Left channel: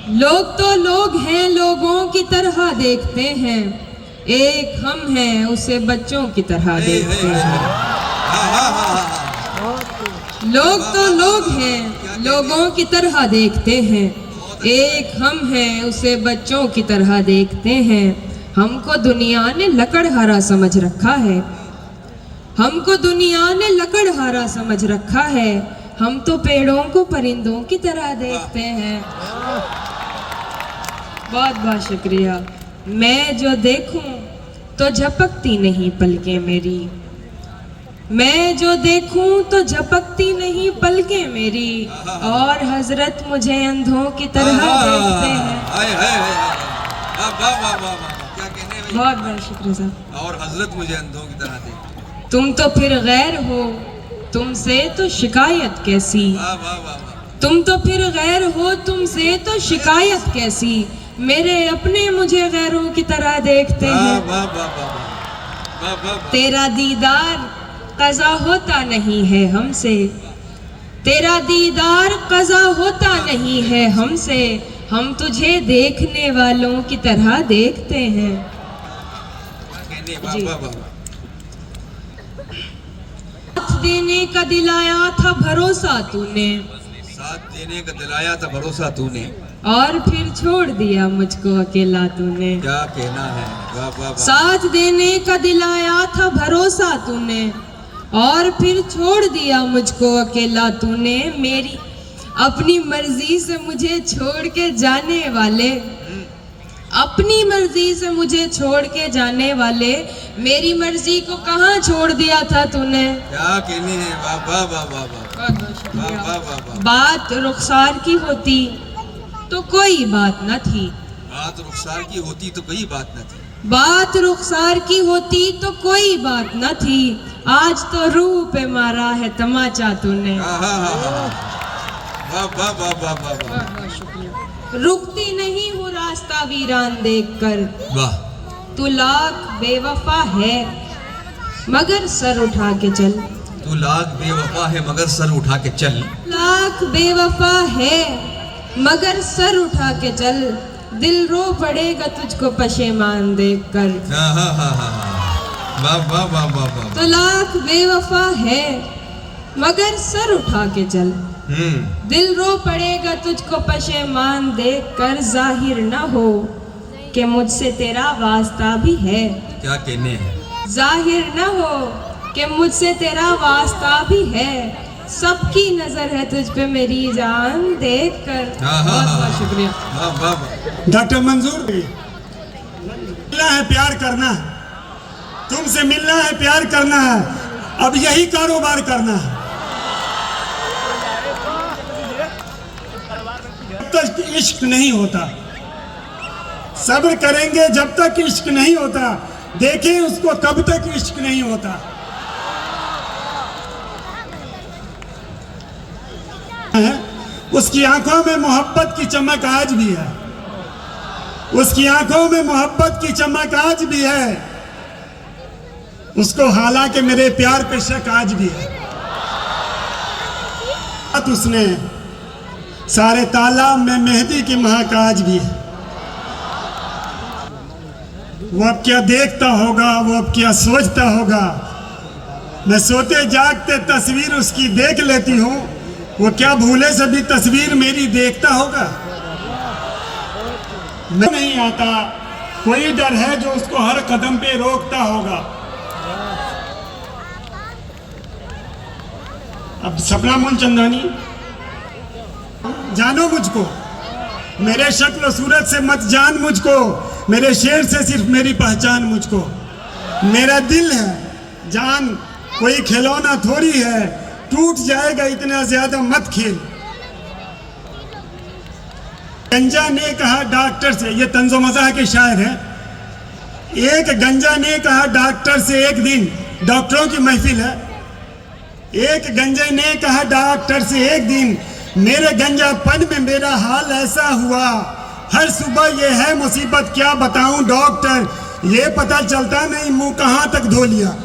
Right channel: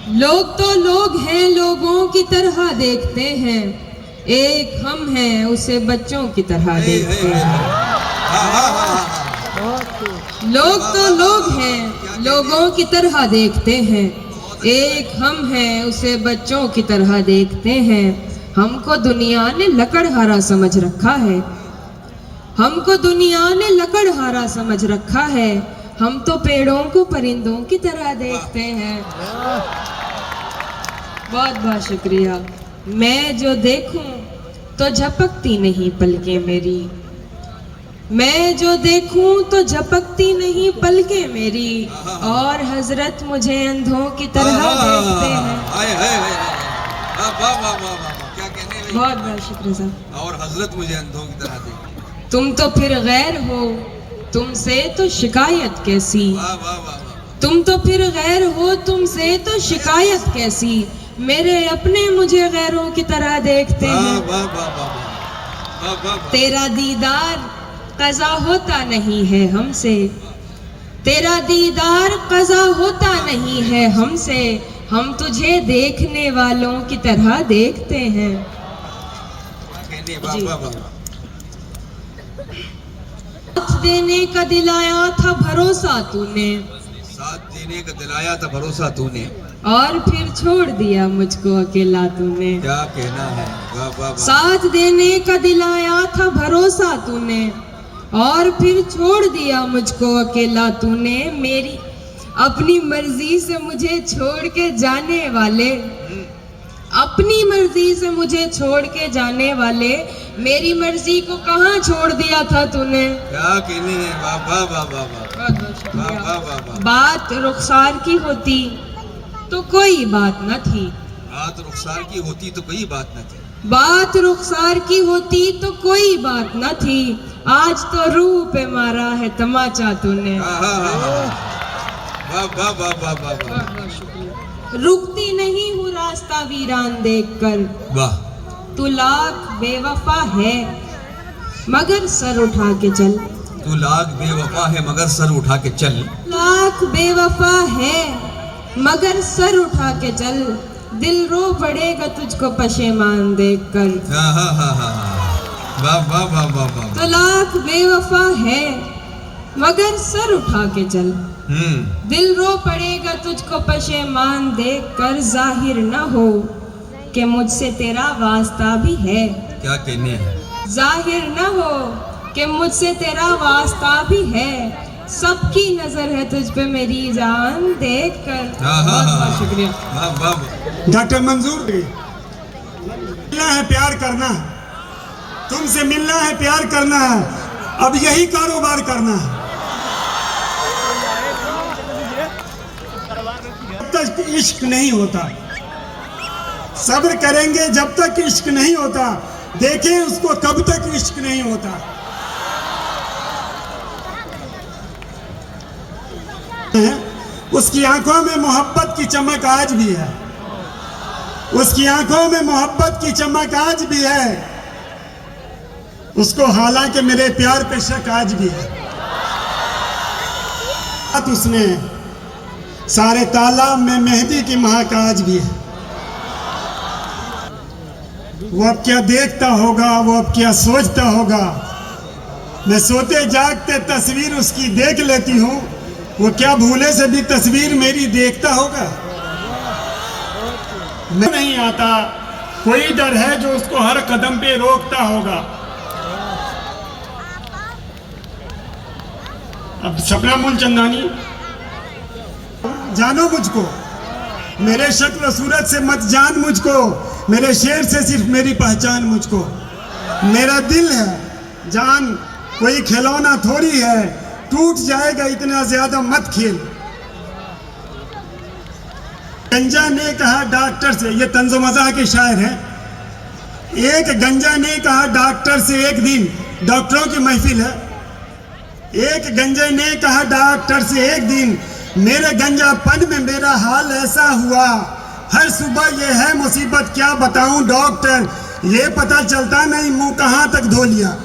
लोग तो लोग हैं, लोगों की तरह देखते हैं, एक हम हैं उसे बच्चों की तरह देखते हैं। लोग तो लोग हैं, लोगों की तरह देखते हैं, एक हम हैं उसे बच्चों की तरह देखते हैं। हमको दुनिया ने लकड़हारा समझ रखा है, हमको दुनिया ने लकड़हारा समझ रखा है, हम तो पेड़ों को परिंदों की तरह देखते हैं। बहुत बहुत शुक्रिया। मैं जो देखूं तो झपकती नहीं पलकें मेरी, मैं जो देखूं तो झपकती नहीं पलकें मेरी, और हजरत मुझे अंधों की तरह देखते हैं। बहुत बहुत शुक्रिया साहब। और हजरत मुझे अंधों की तरह देखते हैं। तुम तो फिर गैर हो, तुमसे तो शिकायत कैसी, तुम तो फिर गैर हो, तुमसे तो शिकायत कैसी, मेरे अपने मुझे गैरों की तरह देखते हैं। तेरा दीदार कज़ा होता नहीं है हमसे, तेरा दीदार कज़ा होता नहीं है हमसे, हम तुझे देखने वालों की तरह देखते हैं। साथ देने का दिलाया था भरोसा तूने, साथ देने का दिलाया था भरोसा तूने, और फिर छोड़ दिया मुझको अकेला तूने। क्या कहना है। वाह वाह वाह। साथ देने का दिलाया था भरोसा तूने, और फिर छोड़ दिया मुझको अकेला तूने। मेरी अपनी मर्जी से मुझे छोड़ के जाने वाले, अपनी मर्जी से मुझे छोड़ के जाने वाले, मेरी मर्जी को कहाँ छोड़ दिया था तूने। क्या कहने हैं। वाह वाह वाह वाह वाह वाह वाह वाह। बात रुखसार की होती तो कोई बात न थी, बात रुखसार की होती तो कोई बात न थी, बात रुखसार की होती तो कोई बात न थी, आज तो रूह पे मारा है तमाचा तूने। वाह वाह वाह वाह वाह। रुकती नहीं हूँ रास्ता वीरान देखकर, वाह। तू लाख बेवफा है मगर सर उठा के चल, तू लाख बेवफा है मगर सर उठा के चल, लाख बेवफा है मगर सर उठा के चल, दिल रो पड़ेगा तुझको पशेमान देखकर। वाह वाह वाह वाह वाह। तो लाख बेवफा है मगर सर उठा के चल, दिल रो पड़ेगा तुझको पशेमान देखकर, जाहिर न हो कि मुझसे तेरा वास्ता भी है। क्या कहने हैं। जाहिर न हो कि मुझसे तेरा वास्ता भी है, सबकी नजर है तुझ पे मेरी जान देखकर। बहुत बहुत शुक्रिया। डॉक्टर मंजूर, मिलना है प्यार करना है, तुमसे मिलना है प्यार करना है, अब यही कारोबार करना है। जब तक इश्क नहीं होता, सब्र करेंगे जब तक इश्क नहीं होता, देखें उसको कब तक इश्क नहीं होता। उसकी आंखों में मोहब्बत की चमक आज भी है, उसकी आंखों में मोहब्बत की चमक आज भी है, उसको हालांकि मेरे प्यार पे शक आज भी है। उसने सारे तालाब में मेहंदी की महक आज भी है। वो अब क्या देखता होगा, वो अब क्या सोचता होगा, मैं सोते जागते तस्वीर उसकी देख लेती हूँ, वो क्या भूले से भी तस्वीर मेरी देखता होगा। नहीं आता, कोई डर है जो उसको हर कदम पे रोकता होगा। अब सपना मूलचंदानी, जानो मुझको, मेरे शक्ल सूरत से मत जान मुझको, मेरे शेर से सिर्फ मेरी पहचान मुझको। मेरा दिल है जान कोई खिलौना थोड़ी है, टूट जाएगा इतना ज्यादा मत खेल। गंजा ने कहा डॉक्टर से, ये तंज़ो मज़ाह के शायर हैं। एक गंजा ने कहा डॉक्टर से एक दिन, डॉक्टरों की महफिल है, एक गंजे ने कहा डॉक्टर से एक दिन, मेरे गंजापन में मेरा हाल ऐसा हुआ, हर सुबह ये है मुसीबत क्या बताऊं डॉक्टर, ये पता चलता नहीं मुंह कहां तक धो लिया।